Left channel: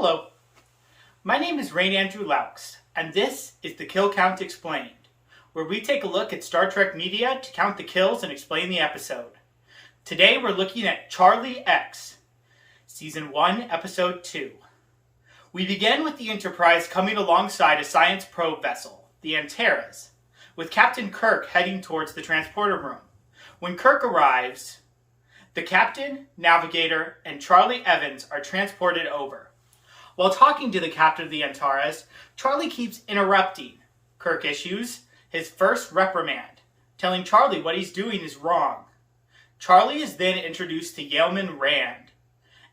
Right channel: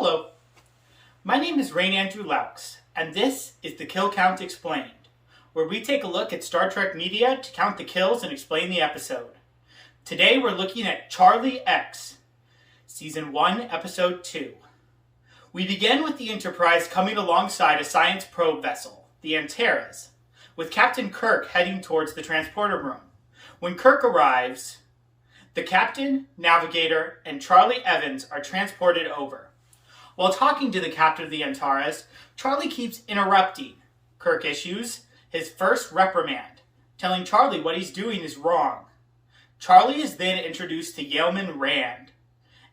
Hello, my name is Rain Andrew Laux, and this is the Kill Count Explained, where we take a look at Star Trek media to count the kills and explain the episode. Today we're looking at Charlie X, Season 1, Episode 2. We begin with the Enterprise coming alongside a science probe vessel, the Antares, with Captain Kirk heading towards the transporter room. When Kirk arrives, the captain, navigator, and Charlie Evans are transported over. While talking to the captain of the Antares, Charlie keeps interrupting. Kirk issues his first reprimand, telling Charlie what he's doing is wrong. Charlie is then introduced to Yeoman Rand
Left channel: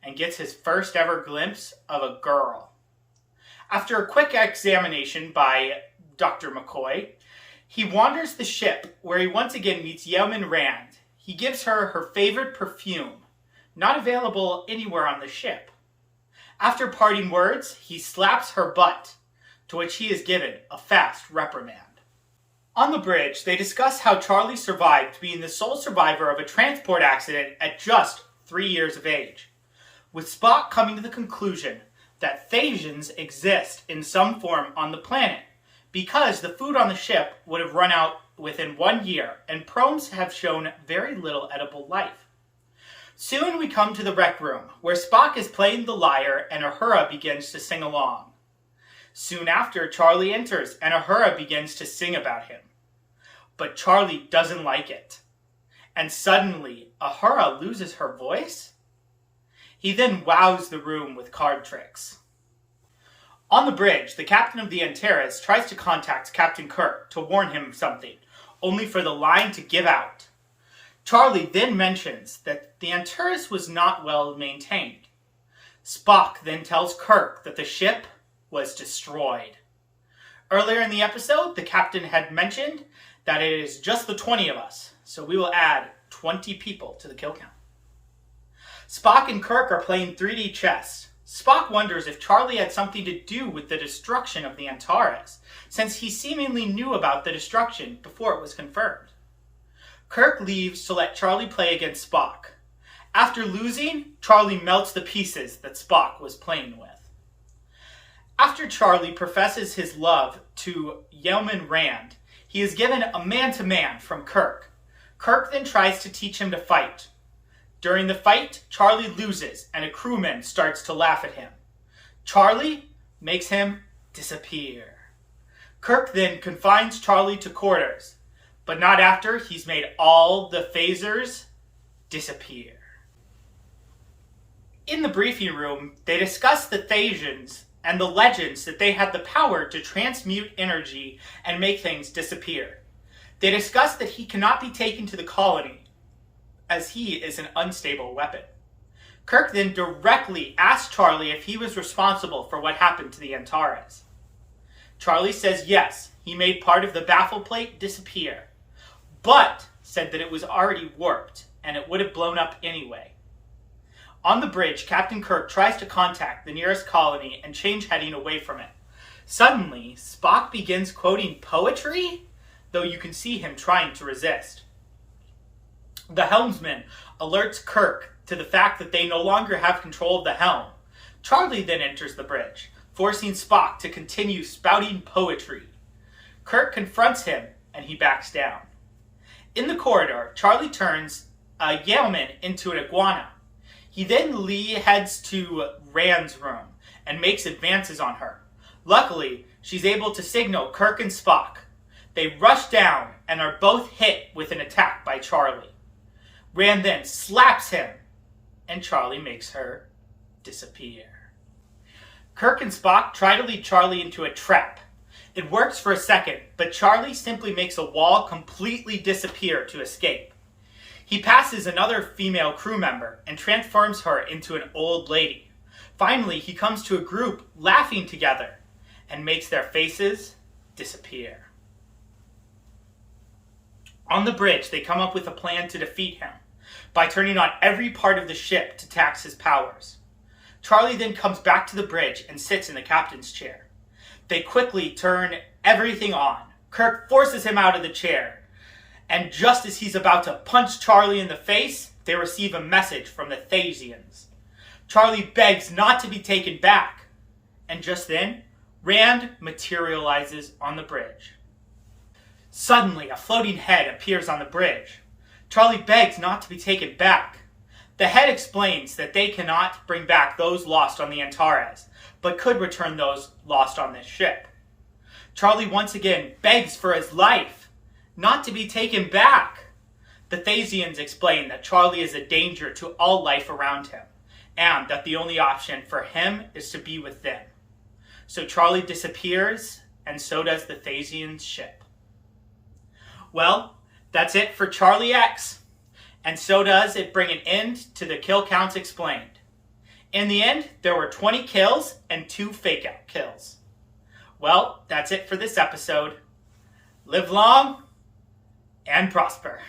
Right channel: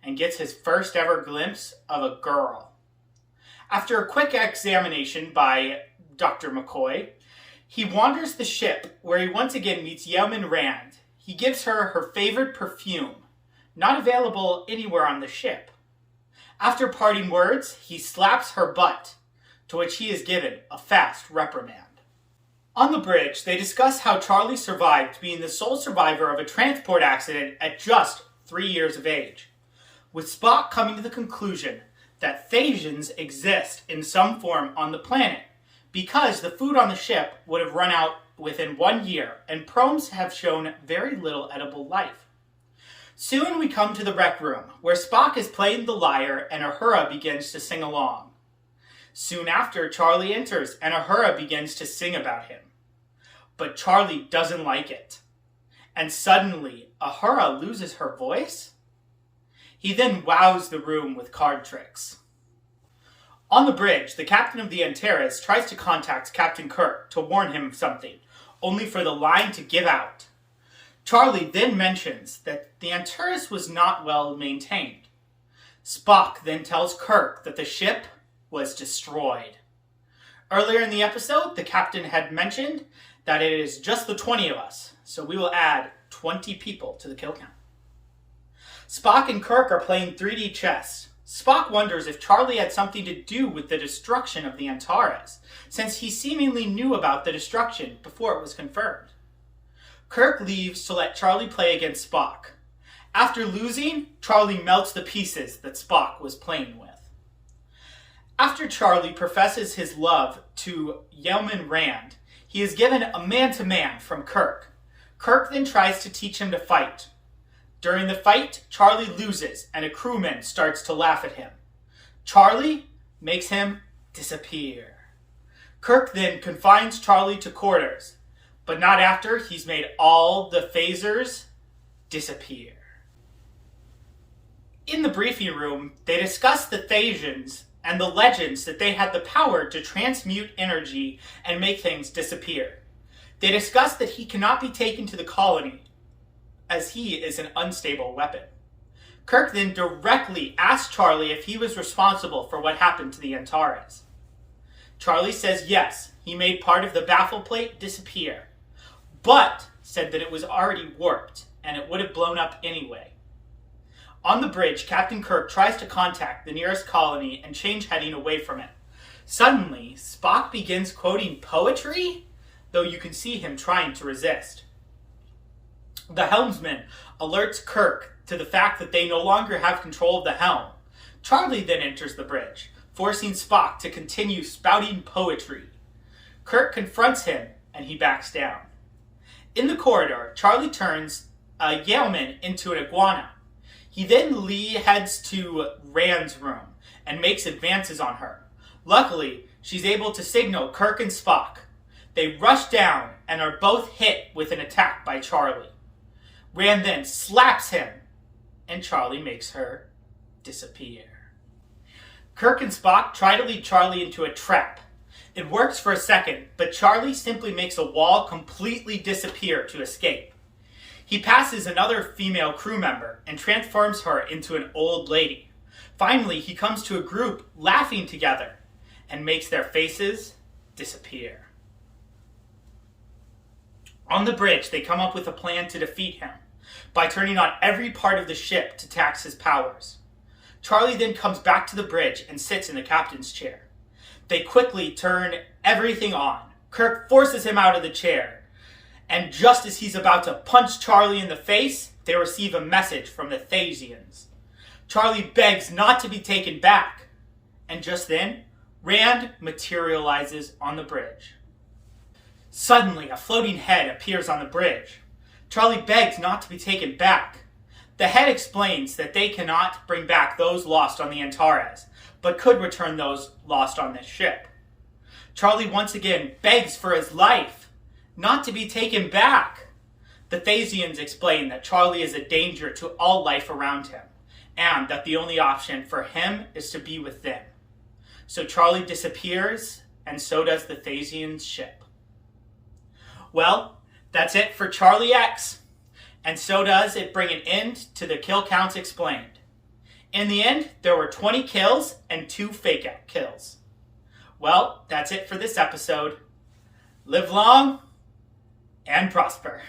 and gets his first ever glimpse of a girl. After a quick examination by Dr. McCoy, he wanders the ship where he once again meets Yeoman Rand. He gives her her favorite perfume, not available anywhere on the ship. After parting words, he slaps her butt, to which he is given a fast reprimand. On the bridge, they discuss how Charlie survived being the sole survivor of a transport accident at just 3 years of age, with Spock coming to the conclusion that Thasians exist in some form on the planet, because the food on the ship would have run out within 1 year, and Promes have shown very little edible life. Soon we come to the rec room, where Spock is playing the lyre and Uhura begins to sing along. Soon after, Charlie enters and Uhura begins to sing about him. But Charlie doesn't like it. And suddenly, Uhura loses her voice? He then wows the room with card tricks. On the bridge, the captain of the Antares tries to contact Captain Kirk to warn him of something, only for the line to give out. Charlie then mentions that the Antares was not well maintained. Spock then tells Kirk that the ship was destroyed. Earlier in the episode, the captain had mentioned that it is just the 20 of us, so we will add 20 people to the kill count. Spock and Kirk are playing 3D chess. Spock wonders if Charlie had something to do with the destruction of the Antares, since he seemingly knew about the destruction before it was confirmed. Kirk leaves to let Charlie play against Spock. After losing, Charlie melts the pieces that Spock was playing with. After Charlie professes his love to Yeoman Rand, he is given a man-to-man from Kirk. Kirk then tries to teach him to fight. During the fight, Charlie loses and a crewman starts to laugh at him. Charlie makes him disappear. Kirk then confines Charlie to quarters, but not after he's made all the phasers disappear. In the briefing room, they discuss the Thasians and the legends that they had the power to transmute energy and make things disappear. They discuss that he cannot be taken to the colony, as he is an unstable weapon. Kirk then directly asks Charlie if he was responsible for what happened to the Antares. Charlie says yes, he made part of the baffle plate disappear, but said that it was already warped and it would have blown up anyway. On the bridge, Captain Kirk tries to contact the nearest colony and change heading away from it. Suddenly, Spock begins quoting poetry, though you can see him trying to resist. The helmsman alerts Kirk to the fact that they no longer have control of the helm. Charlie then enters the bridge, forcing Spock to continue spouting poetry. Kirk confronts him and he backs down. In the corridor, Charlie turns a Yeoman into an iguana. He then heads to Rand's room and makes advances on her. Luckily, she's able to signal Kirk and Spock. They rush down and are both hit with an attack by Charlie. Rand then slaps him, and Charlie makes her disappear. Kirk and Spock try to lead Charlie into a trap. It works for a second, but Charlie simply makes a wall completely disappear to escape. He passes another female crew member and transforms her into an old lady. Finally, he comes to a group laughing together and makes their faces disappear. On the bridge, they come up with a plan to defeat him by turning on every part of the ship to tax his powers. Charlie then comes back to the bridge and sits in the captain's chair. They quickly turn everything on. Kirk forces him out of the chair, and just as he's about to punch Charlie in the face, they receive a message from the Thasians. Charlie begs not to be taken back, And just then, Rand materializes on the bridge. Suddenly, a floating head appears on the bridge. Charlie begs not to be taken back. The head explains that they cannot bring back those lost on the Antares, but could return those lost on this ship. Charlie once again begs for his life, not to be taken back. The Thasians explain that Charlie is a danger to all life around him, and that the only option for him is to be with them. So Charlie disappears, and so does the Thasian ship. Well, that's it for Charlie X. And so does it bring an end to the kill counts explained. In the end, there were 20 kills and 2 fake out kills. Well, that's it for this episode. Live long and prosper.